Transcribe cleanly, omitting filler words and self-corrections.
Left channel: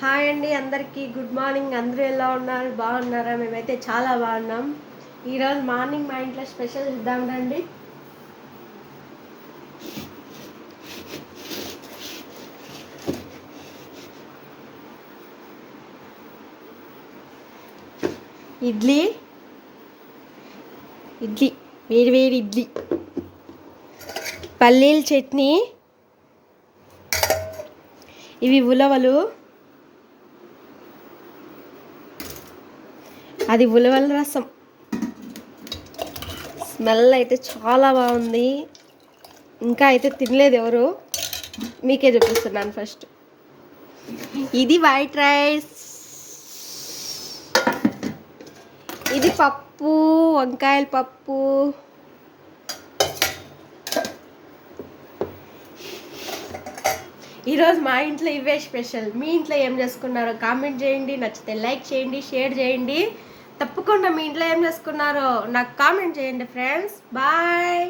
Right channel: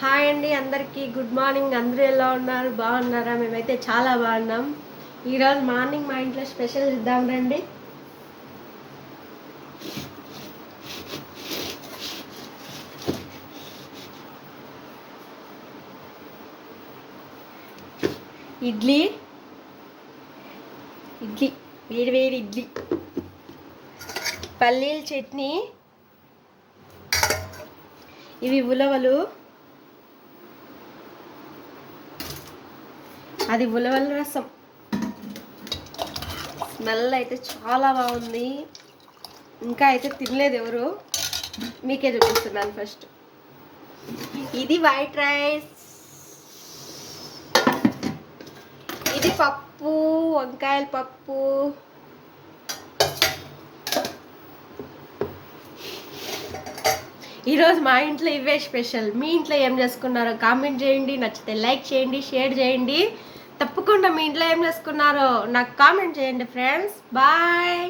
Hi అండి, అందరికీ good morning. అందరూ ఎలా ఉన్నారు? బాగున్నారా? మేమైతే చాలా బాగున్నాం. ఈరోజు మార్నింగ్ మా ఇంట్లో స్పెషల్ ఇద్దాం రండి. ఇడ్లీ ఇడ్లీ వేడి వేడి ఇడ్లీ, పల్లీల చట్నీ, ఇవి ఉలవలు, అది ఉలవల రసం. స్మెల్ అయితే చాలా బాగుంది. ఇంకా అయితే తినలేదు ఎవరు, మీకే చూపిస్తున్నాను ఫస్ట్. ఇది వైట్ రైస్, ఇది పప్పు, వంకాయల పప్పు. ఈరోజు మా ఇంట్లో ఇవే స్పెషల్. మీ ఇంట్లో ఏం చేసుకున్నారో కామెంట్ చేయండి. నచ్చితే లైక్ చేయండి, షేర్ చేయండి. తప్పకుండా మీ ఇంట్లో ఏం చేసుకున్నారో నాకు కామెంట్ చేయండి ఫ్రెండ్స్. బాయ్.